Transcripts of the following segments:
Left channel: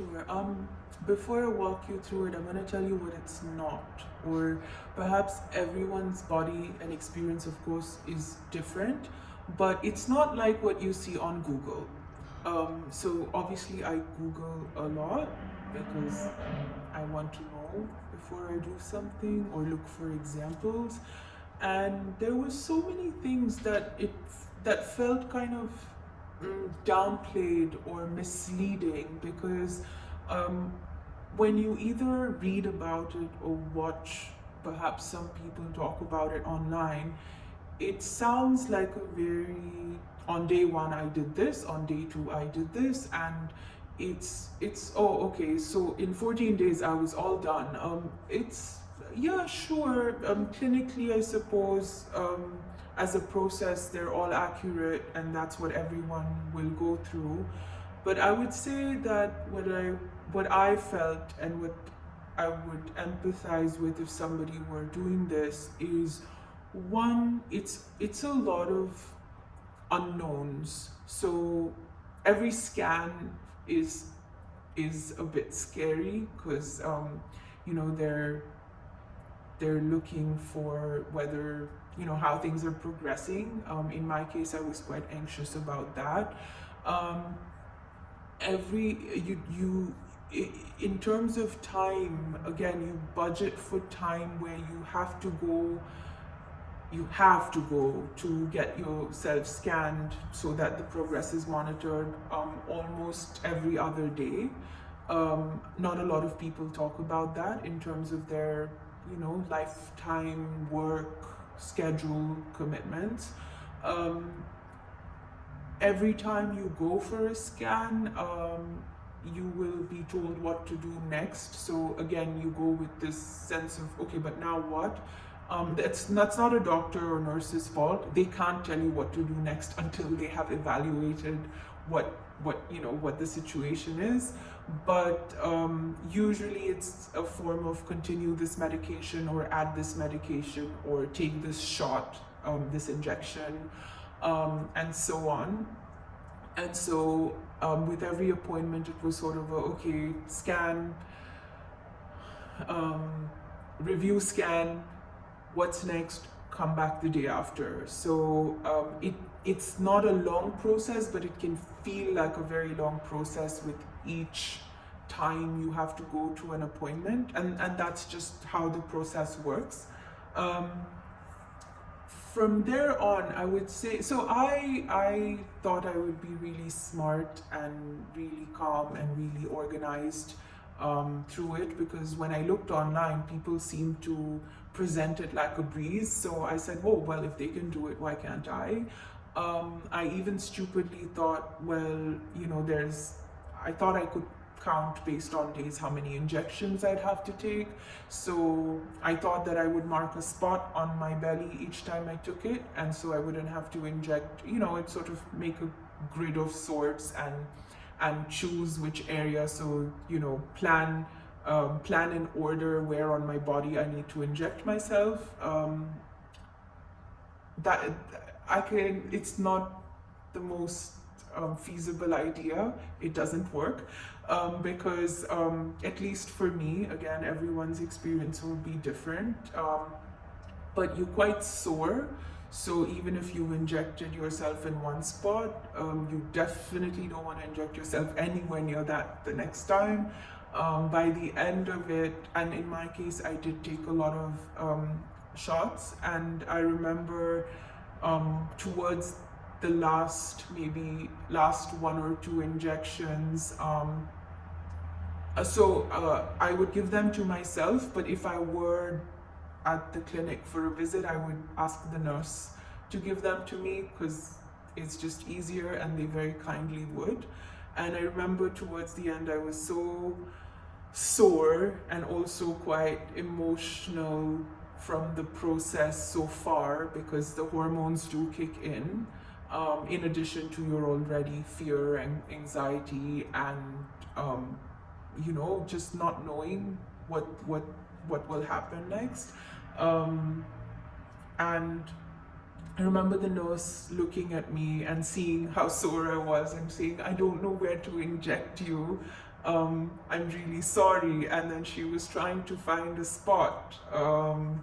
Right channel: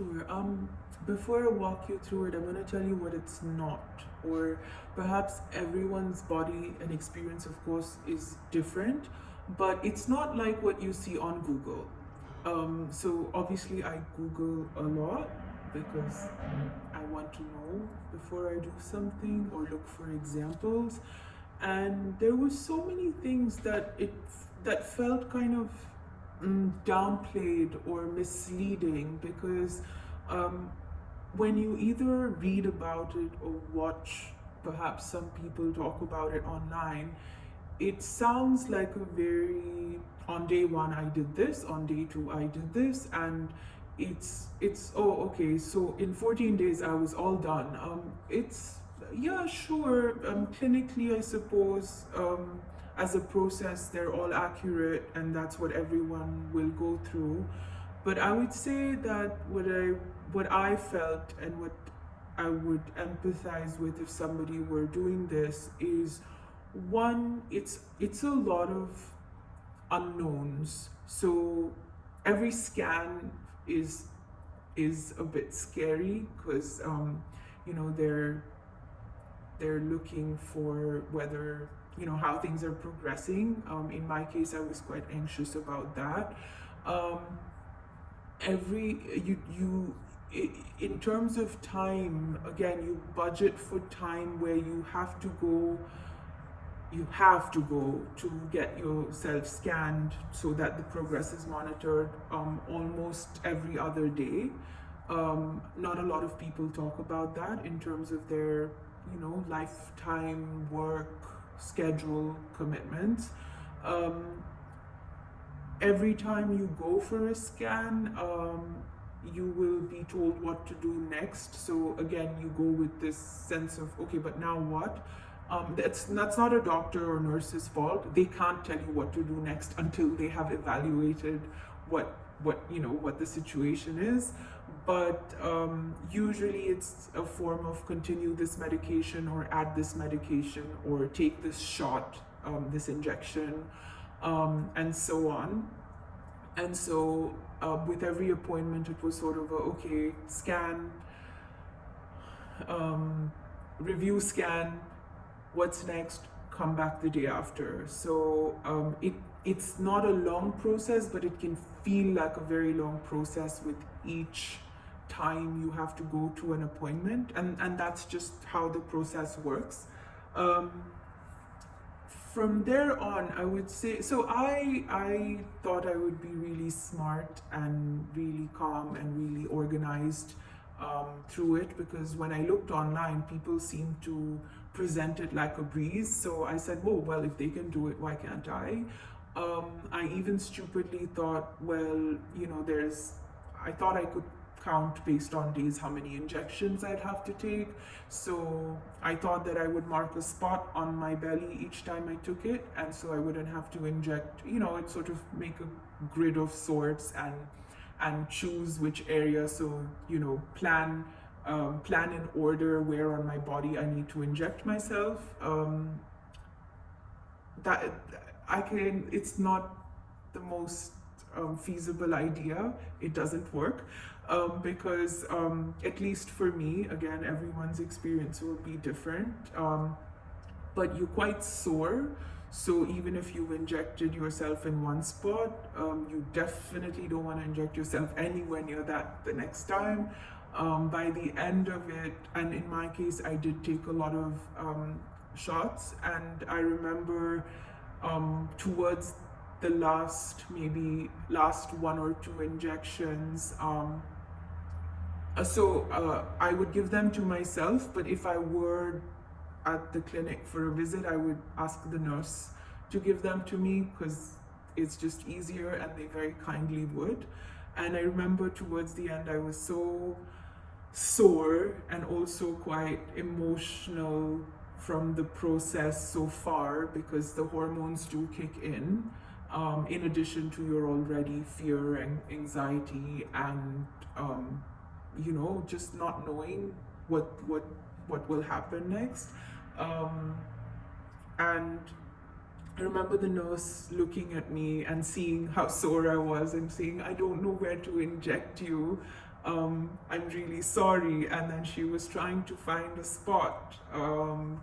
Sure. Before I walk you through it, I'm going to tell you what it's not. Or perhaps everyone's body and experience, of course, is different, but it's not like what you see on Google. So obviously, I Google a lot because I want to know before I do something or look for examples. And there were so many things that felt kind of downplayed or misleading because um, when you either read about it or watch perhaps some people talk about it online, it sounds like a very, on day one I did this, on day two I did this, and it's oh okay, so in 14 days I was all done. It's yeah, sure, clinically I suppose, as a process they're all accurate and that's what everyone will go through, but I would say that what I felt and what I would empathize with if somebody were doing this is, one, it's a lot of unknowns. So every scan is is a bit scary because they're looking for whether how things are progressing. In my case, I was quite anxious about that. Um, every in terms of time, again, you budget for time where you have to go to get yourself scanned so that the progress is monitored almost every other day. Not a lot of people talk about that in terms of their lifetime work schedule commitments. Um, every time you go for a scan, you will be told what to do next. So again, you go with this sense of, okay, but now what? That's not a doctor or nurse's fault. They can't tell you what to do next until they have evaluated what the situation is. But usually it's a form of continue this medication or add this medication or take this shot, this injection, and so on. And so with every appointment, it was sort of a, okay, scan, review scan, what's next, come back the day after. So it's not a long process, but it can feel like a very long process with each time you have to go to an appointment, and that's just how the process works. From there on, I would say, so I thought I would be really smart and really calm and really organized through it, because when I looked online, people seemed to present it like a breeze. So I said, oh, well, if they can do it, why can't I? I even stupidly thought, well, I thought I could count based on days how many injections I'd have to take. So I thought that I would mark a spot on my belly each time I took it, and so I wouldn't have to inject, it sort of make a grid of sorts and choose which area. So, plan in order where on my body I need to inject myself. That it's not the most feasible idea. It doesn't work because at least for me, again, everyone's experience will be different, but you're quite sore. So even if you've injected yourself in one spot, you definitely don't want to inject yourself anywhere near that the next time. By the end of it, and in my case, I did take a lot of shots, and I remember towards the last one or two injections, I would give them to myself, but if I were at the clinic for a visit, I would ask the nurse to give them to me because it's just easier, and they very kindly would. And I remember towards the end, I was so sore and also quite emotional from the process so far, because the hormones do kick in addition to your already fear and anxiety and just not knowing what will happen next. And I remember the nurse looking at me and seeing how sore I was and saying, I don't know where to inject you. I'm really sorry. And then she was trying to find a spot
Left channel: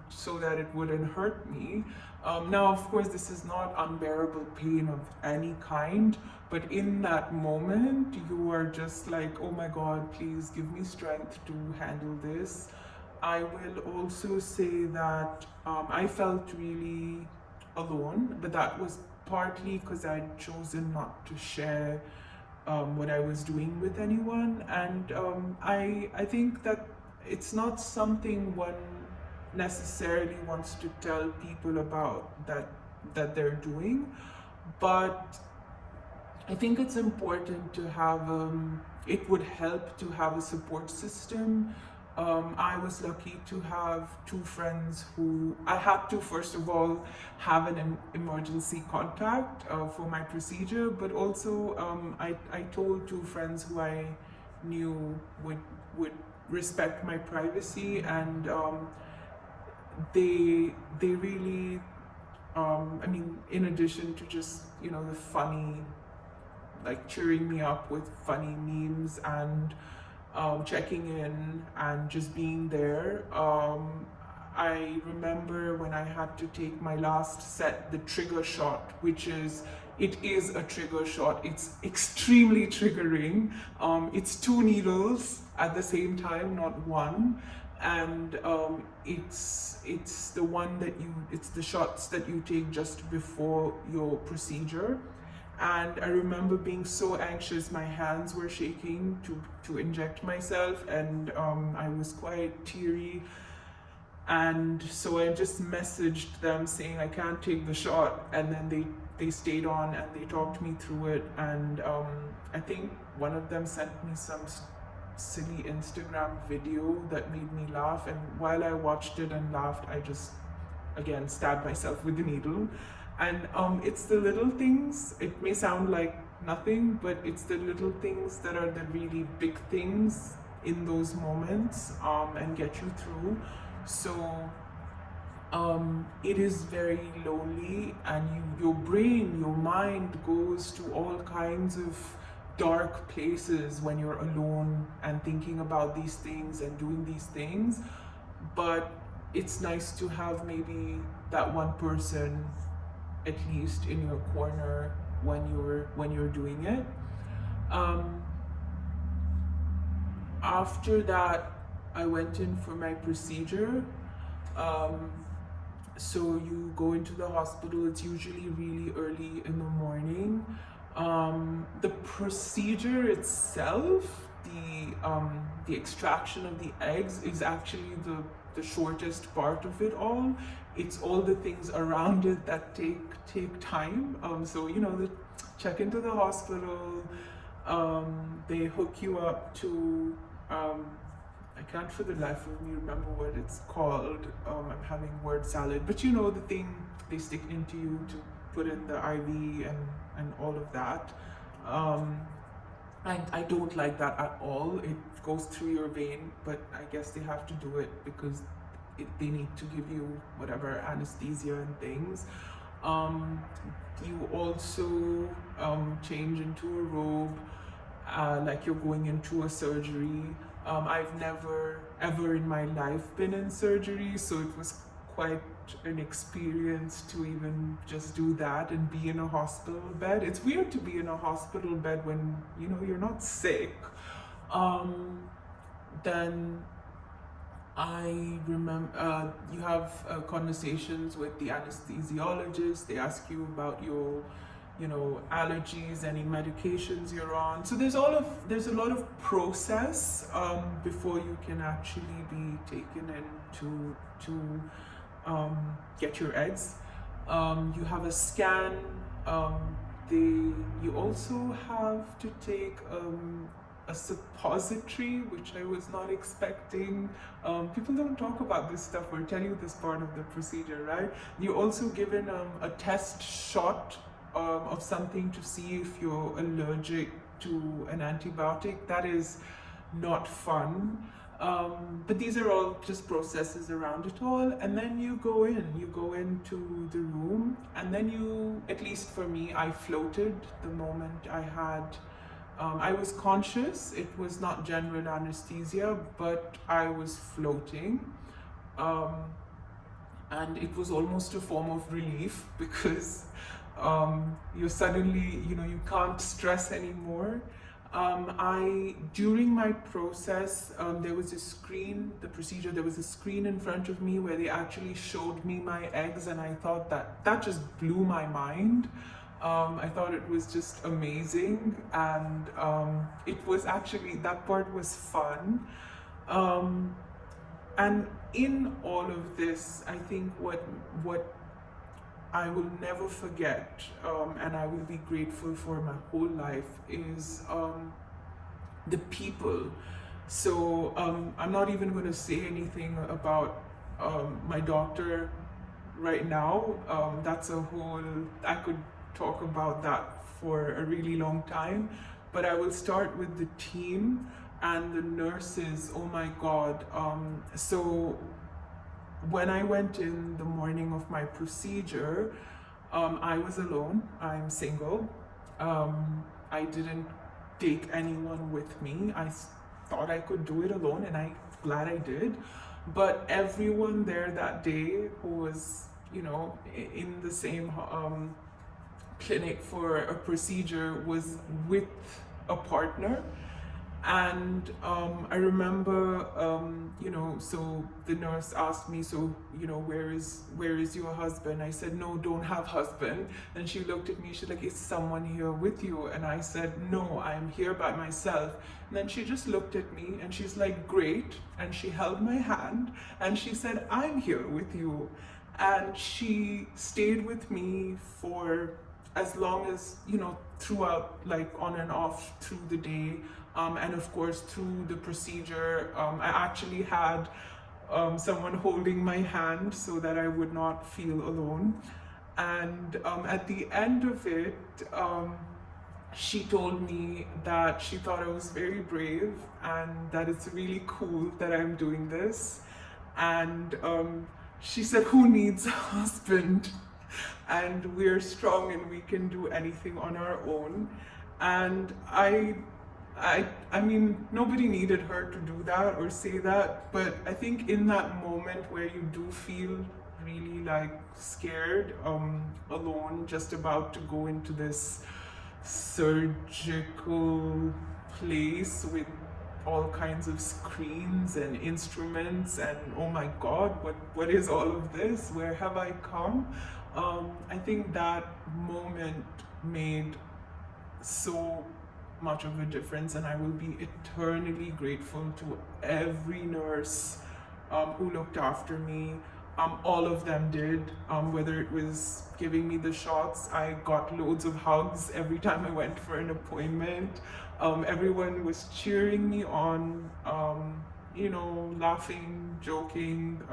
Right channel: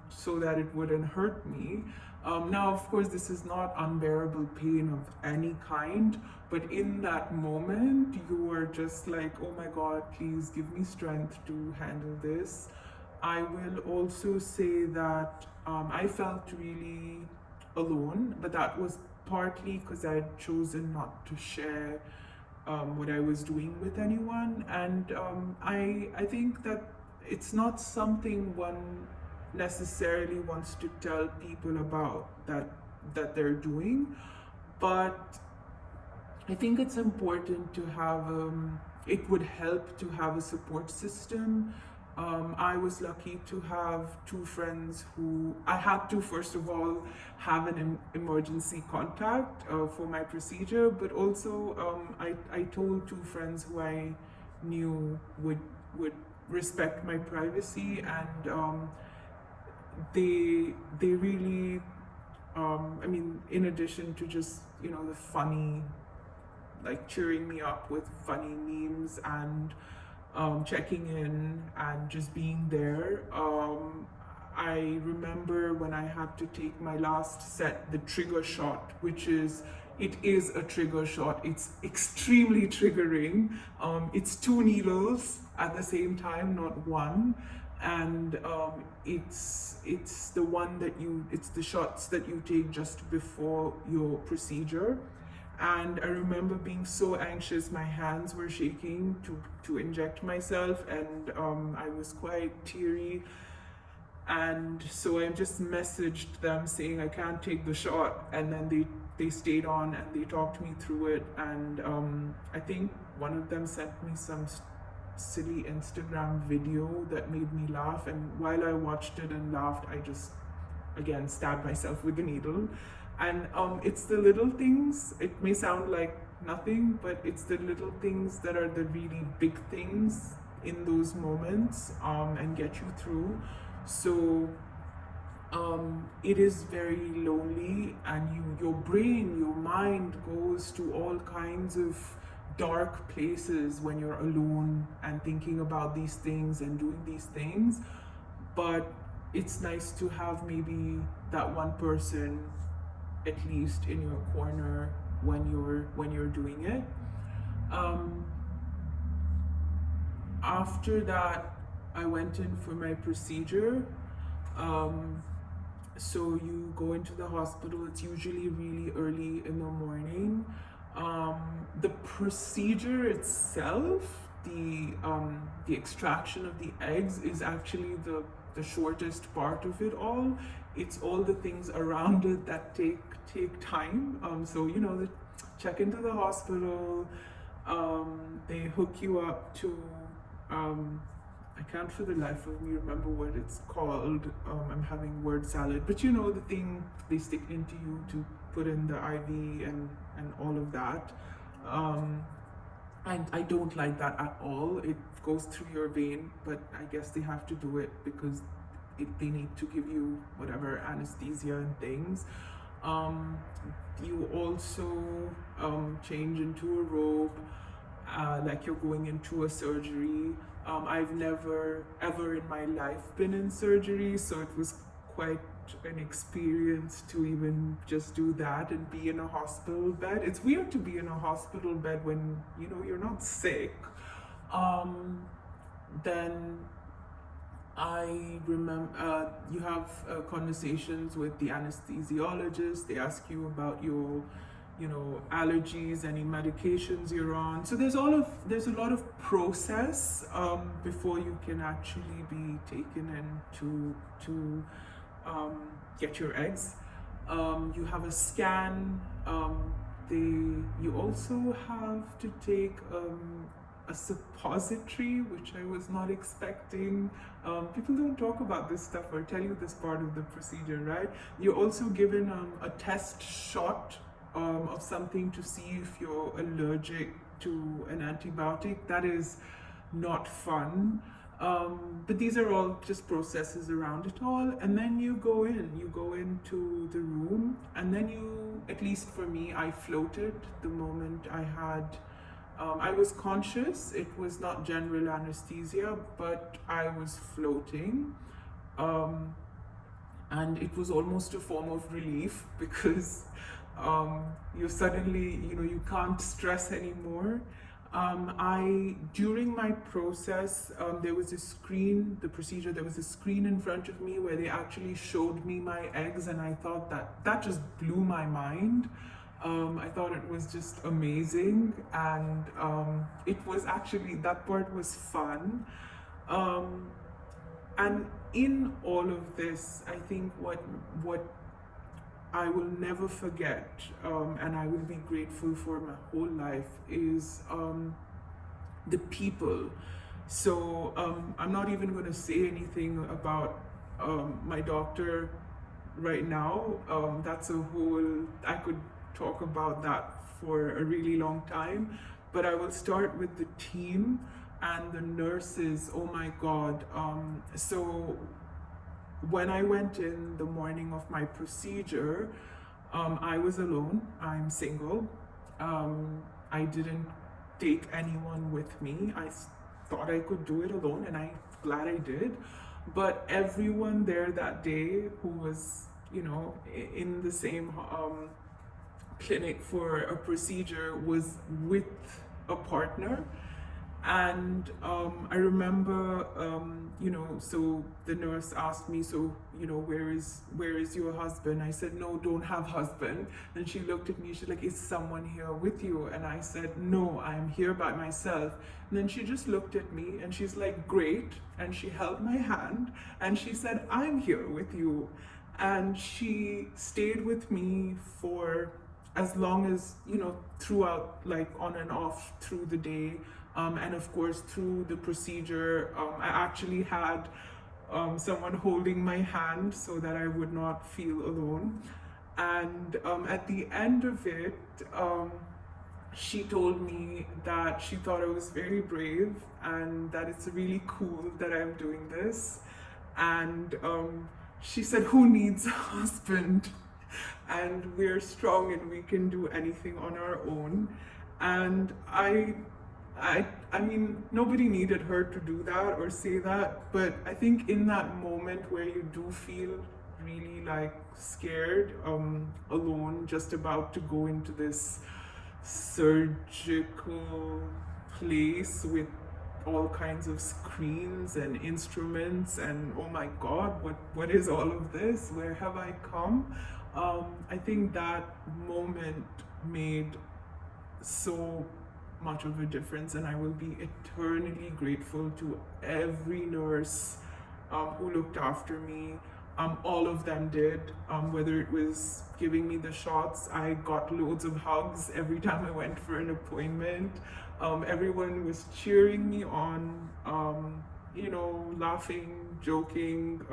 so that it wouldn't hurt me. Now, of course, this is not unbearable pain of any kind, but in that moment, you are just like, oh my God, please give me strength to handle this. I will also say that I felt really alone, but that was partly because I'd chosen not to share what I was doing with anyone. And I think that it's not something one necessarily wants to tell people about that they're doing, but I think it's important to have, it would help to have a support system. I was lucky to have two friends who I had to, first of all, have an emergency contact for my procedure, but also I told two friends who I knew would respect my privacy, and they really, I mean, in addition to just, you know, the funny, like cheering me up with funny memes and checking in and just being there. I remember when I had to take my last set, the trigger shot, which is, it is a trigger shot. It's extremely triggering. It's 2 needles at the same time, not one. And it's the one that it's the shots that you take just before your procedure. And I remember being so anxious, my hands were shaking to inject myself, and I was quite teary. And so I just messaged them saying I can't take the shot, and then they stayed on and they talked me through it. And I think one of them sent me some silly Instagram video that made me laugh, and while I watched it and laughed, I just again stabbed myself with the needle. And it's the little things, it may sound like nothing, but it's the little things that are the really big things in those moments and get you through. So it is very lonely, and your brain, your mind goes to all kinds of dark places when you're alone and thinking about these things and doing these things. But it's nice to have maybe that one person at least in your corner when you're doing it. After that, I went in for my procedure. So you go into the hospital. It's usually really early in the morning. The procedure itself, the extraction of the eggs, is actually the shortest part of it all. It's all the things around it that take time. So you know, they check into the hospital. They hook you up to I can't for the life of me remember what it's called. I'm having word salad, but you know, the thing they stick into you to put in the IV and all of that. I don't like that at all. It goes through your vein, but I guess they have to do it because they need to give you whatever anesthesia and things. You also change into a robe, like you're going into a surgery. I've never ever in my life been in surgery, so it was quite an experience to even just do that and be in a hospital bed. It's weird to be in a hospital bed when, you know, you're not sick. Then I remember you have conversations with the anesthesiologist. They ask you about your, you know, allergies, any medications you're on. So there's a lot of process before you can actually be taken in to get your eggs. You have a scan. You also have to take a suppository, which I was not expecting. People don't talk about this stuff or tell you this part of the procedure, right? You're also given a test shot of something to see if you're allergic to an antibiotic. That is not fun. But these are all just processes around it all. And then you go into the room, and then at least for me, I floated the moment I had I was conscious. It was not general anesthesia, but I was floating. Um, and it was almost a form of relief because you suddenly, you can't stress anymore. During my process, there was a screen, the procedure, there was a screen in front of me where they actually showed me my eggs, and I thought that just blew my mind. I thought it was just amazing, and it was actually, that part was fun. Um, and in all of this, I think what I will never forget, and I will be grateful for my whole life, is the people. So I'm not even going to say anything about my doctor right now. That's a whole, I could talk about that for a really long time, but I will start with the team and the nurses. Oh my God. So when I went in the morning of my procedure, I was alone. I'm single. I didn't take anyone with me. I thought I could do it alone, and I'm glad I did. But everyone there that day who was, in the same clinic for a procedure was with a partner. And I remember, so the nurse asked me, so, where is your husband? I said, no, don't have husband. And she looked at me, she's like, is someone here with you? And I said, no, I'm here by myself. And then she just looked at me and she's like, great. And she held my hand and she said, I'm here with you. And she stayed with me for as long as, throughout, like on and off through the day. And of course, through the procedure, I actually had someone holding my hand so that I would not feel alone. And at the end of it, she told me that she thought I was very brave and that it's really cool that I'm doing this. And she said, who needs a husband? And we're strong and we can do anything on our own. And I mean, nobody needed her to do that or say that, but I think in that moment where you do feel really like scared, alone, just about to go into this surgical place with all kinds of screens and instruments, and oh my God, what is all of this? Where have I come? I think that moment made so much of a difference, and I will be eternally grateful to every nurse who looked after me. All of them did, whether it was giving me the shots. I got loads of hugs every time I went for an appointment. Everyone was cheering me on, laughing, joking.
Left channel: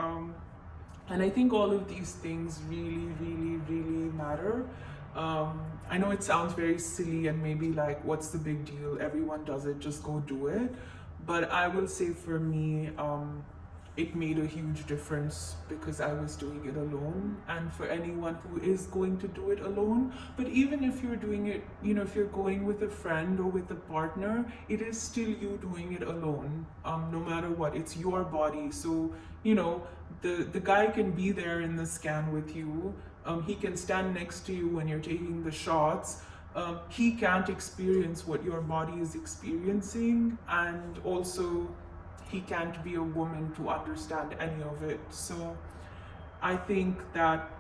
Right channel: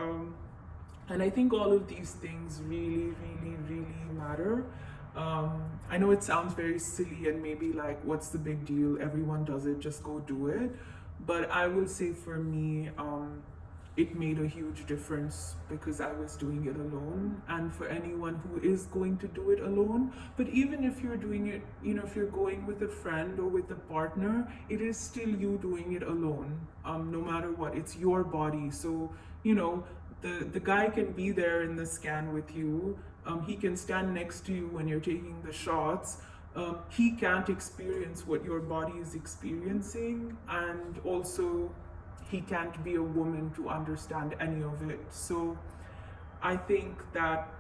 And I think all of these things really, really, really matter. I know it sounds very silly and maybe like, what's the big deal? Everyone does it, just go do it. But I will say for me, it made a huge difference because I was doing it alone. And for anyone who is going to do it alone, but even if you're doing it, if you're going with a friend or with a partner, it is still you doing it alone, no matter what. It's your body. So, the guy can be there in the scan with you. He can stand next to you when you're taking the shots. He can't experience what your body is experiencing, and also he can't be a woman to understand any of it. So I think that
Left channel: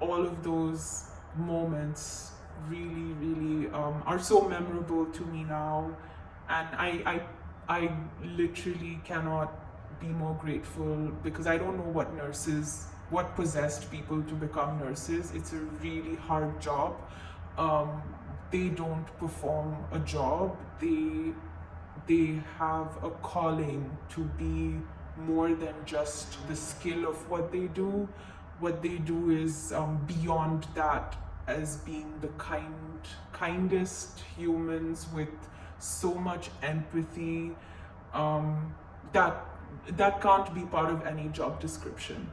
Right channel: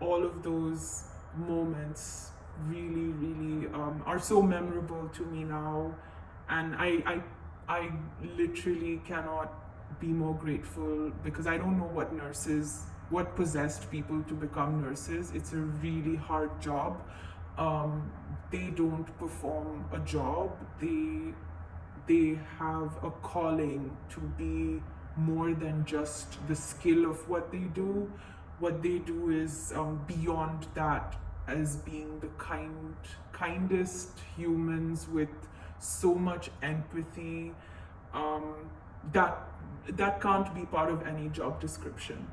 all of those moments really, really are so memorable to me now, and I literally cannot be more grateful, because I don't know what possessed people to become nurses. It's a really hard job. They don't perform a job. They have a calling to be more than just the skill of what they do. What they do is beyond that, as being the kindest humans with so much empathy, that can't be part of any job description.